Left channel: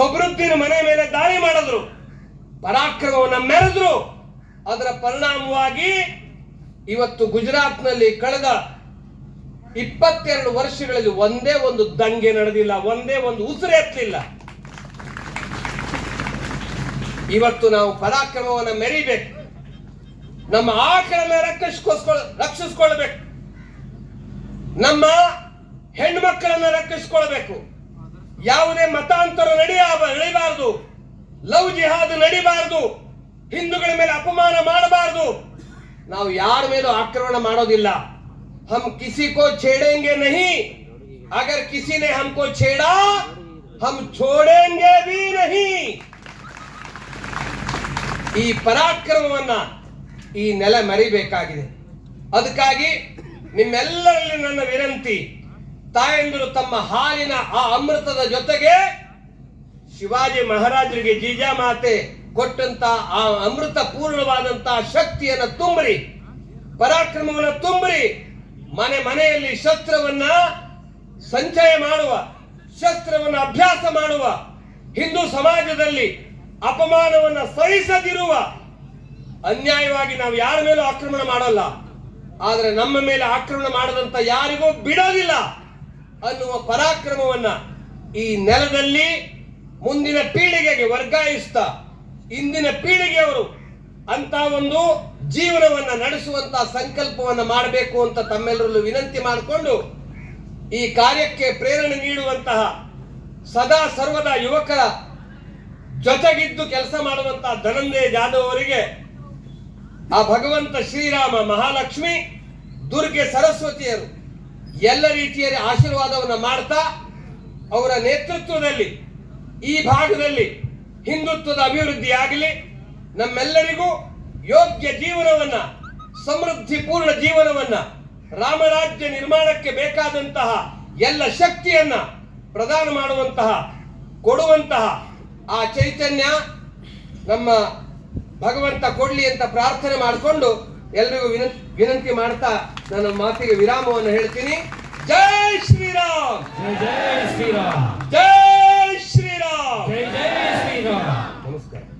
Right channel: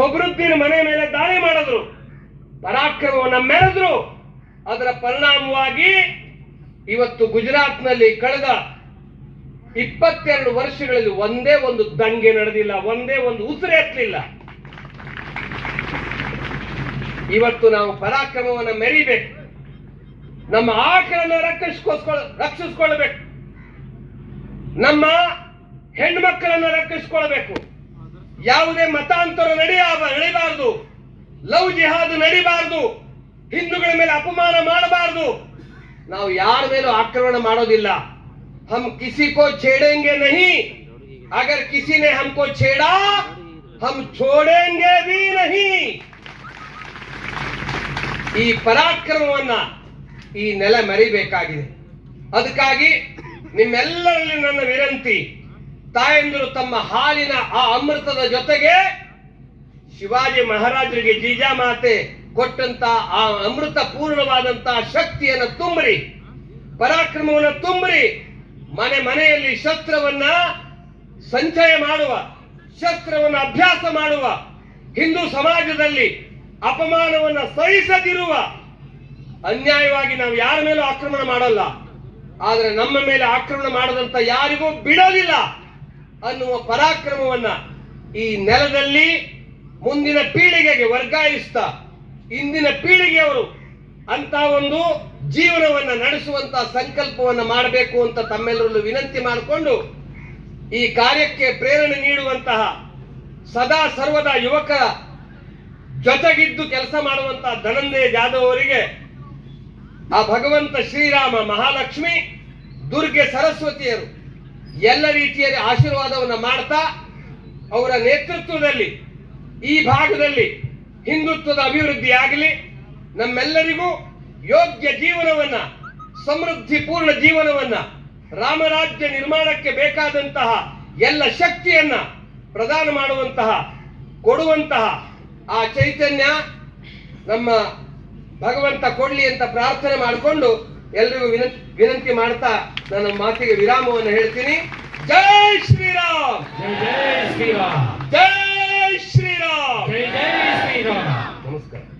ಸೊಬ್ರುದ್ದೀನ್ ಮನೆ ಮೇಲೆ ದಾಳಿ ಮಾಡಿದ್ರು. ಪರಾಕ್ರಮವನ್ನು ಮೆರೆದ್ರು. ಅದರ ಪರಿಣಾಮವಾಗಿ ಇವತ್ತು ಗುಜರಾತ್ನಲ್ಲಿ ಕಳೆದ ಇಪ್ಪತ್ತೆರಡು ವರ್ಷಗಳಲ್ಲಿ ಒಂದೇ ಒಂದು ದಂಗೆ ನಡೆದಿಲ್ಲ, ಒಂದೇ ಒಂದು ಉಸಿರೆತ್ತಲಿಲ್ಲ ಇವತ್ತು ನಾವು ಪರಾಕ್ರಮವನ್ನು ಮೆರಿಬೇಕು. ನಮ್ಮ ಆಕಳನ್ನ ರಕ್ಷಿಸ್ಕೊಸ್ಕೊಳ ರಕ್ಷಿಸ್ಕೊಳ್ಬೇಕು. ನಮ್ಮ ಹೆಣ್ಮಕ್ಕಳನ್ನ ರಕ್ಷಿಸ್ಕೊಳ್ಬೇಕು. ಯಾವುದೇ ಮತಾಂತರ ನಡೆಯ ಲವ್ ಜಿಹಾದ್ ನಡಿಬಾರದು ಹಿಂದೂಗಳ ಮೇಲೆ ಅಪಮಾನ ಮಾಡಬಾರದು ನಾವು ಯಾರ ಮೇಲೂ ಆಕ್ರಮಣ ಮಾಡೋದಿಲ್ಲ हम किसी को छेड़ेंगे नहीं अगर किसी ने हमको छेड़ा हम छोड़ेंगे भी नहीं ಈ ಪರಾಕ್ರಮವನ್ನ ಈ ನೆಲ ಮರಿಬೇಕಾಗಿದೆ ಅದಕ್ಕಾಗಿ ನಿಮ್ಮೆಲ್ಲರಲ್ಲಿ ನನ್ನ ವಿನಂತಿ ತಾಯಂದಿರು ತಮ್ಮ ಹಾಲಿನ ಆ ಅಮೃತದ ಜೊತೆಗೆ ಶಿವಾಜಿ ಮಹಾರಾಜರಿಗೆ ಜೀಜಾಮಾತೆ ಕೊಟ್ಟಂತ ಆ ಅಮೃತ ಪೂರ್ಣವಾದಂತ ಶಕ್ತಿಯನ್ನು ತುಂಬರಿ, ಪರಾಕ್ರಮವನ್ನು ತುಂಬರಿ, ಮನೆ ಮನೆಯಲ್ಲಿ ಶಸ್ತ್ರವನ್ನ ಸಂಚಯ ಮಾಡುವ, ಶಸ್ತ್ರವನ್ನು ಅಭ್ಯಾಸ ಮಾಡುವ, ಹಿಂದೂ ಸಮಾಜದಲ್ಲಿ ಅಪಮಾನವನ್ನು ಸಹಿಸದಿರುವ ಅನ್ಯಾಯವಾಗಿ ನಾವು ಯಾರ ಮೇಲೂ ಆಕ್ರಮಣ ಮಾಡಲ್ಲ. ಆದರೆ ನಮ್ಮ ಮೇಲೆ ಆಕ್ರಮಣ ಮಾಡದಂತ ಯಾರಿಗೂ ಬಿಡೋದಿಲ್ಲ ಅನ್ನುವ ಪರಾಕ್ರಮವನ್ನ ಈ ನೆಲದಲ್ಲಿ ಮುಂದಿನ ಪೀಳಿಗೆಗೆ ವರ್ಗಾಯಿಸ್ತಾ. ಇಂದಿನ ಪೀಳಿಗೆಯವರು ಅಂತ ಒಂದು ಜೀವನವನ್ನ ನಡೆಸುವಂತ ಸಂಕಲ್ಪವನ್ನು ಮಾಡಬೇಕು ಅಂತ ತಮ್ಮೆಲ್ಲರಲ್ಲೂ ವಿನಂತಿ ಮಾಡಿಕೊಂಡು ಈ ಕಾರ್ಯಕ್ಕೆ ಪ್ರೇರಣೆ ನೀಡುವಂತಹ ಸದಾ ಸರ್ವದ ಯುವಕರ ಜೊತೆಗಿದ್ದು ಕೆಲಸ ಮಾಡುವಂತಹ ಧನಂಜಯ ಜಾಧವ್ ಅವರಿಗೆ ಆ ಭಗವಂತ ಶ್ರೀರಾಮ ಮಹಾಲಕ್ಷ್ಮಿ, ದುರ್ಗೆ ಸರಸ್ವತಿಯರು ಎಲ್ಲ ರೀತಿಯಲ್ಲಿ ಆಶೀರ್ವಾದವನ್ನು ಮಾಡ್ತಾ ಅವರ ನೇತೃತ್ವದಲ್ಲಿ ಈ ಭಾಗದಲ್ಲಿ ಹಿಂದುತ್ವದ ಅಭಿವೃದ್ಧಿಯಾಗಲಿ ನಮ್ಮೆಲ್ಲರಿಗೂ ಯೋಗ್ಯ ಜೀವನವನ್ನ ಸಮೃದ್ಧಿಪೂರ್ಣ ಜೀವನವನ್ನ ರಾಮರಾಜ್ಯ ನಿರ್ಮಾಣಕ್ಕೆ ಬೇಕಾದಂತಹ ಎಲ್ಲ ಶಕ್ತಿಯನ್ನ ಪ್ರದಾನ ಮಾಡುವಂತಹ ಕೊಡುವಂತಹ ಆ ಚೈತನ್ಯ ನಮ್ಮ ಭಗವಂತ ಕೊಡ್ಲಿ ಅಂತ ಪ್ರಾರ್ಥನೆ ಮಾಡಿಕೊಂಡು ಎಲ್ರಿಗೂ ವಿನ- ವಿನಂತಿ ಮಾಡ್ತಾ ನನ್ನ ಮಾತಿಗೆ ವಿರಾಮವನ್ನು ಹೇಳ್ತೀನಿ. ಜೈ ಶ್ರೀರಾಮ್! ಜೈ ಜೈ ಶ್ರೀರಾಮ್! ಜೈ నమస్కారం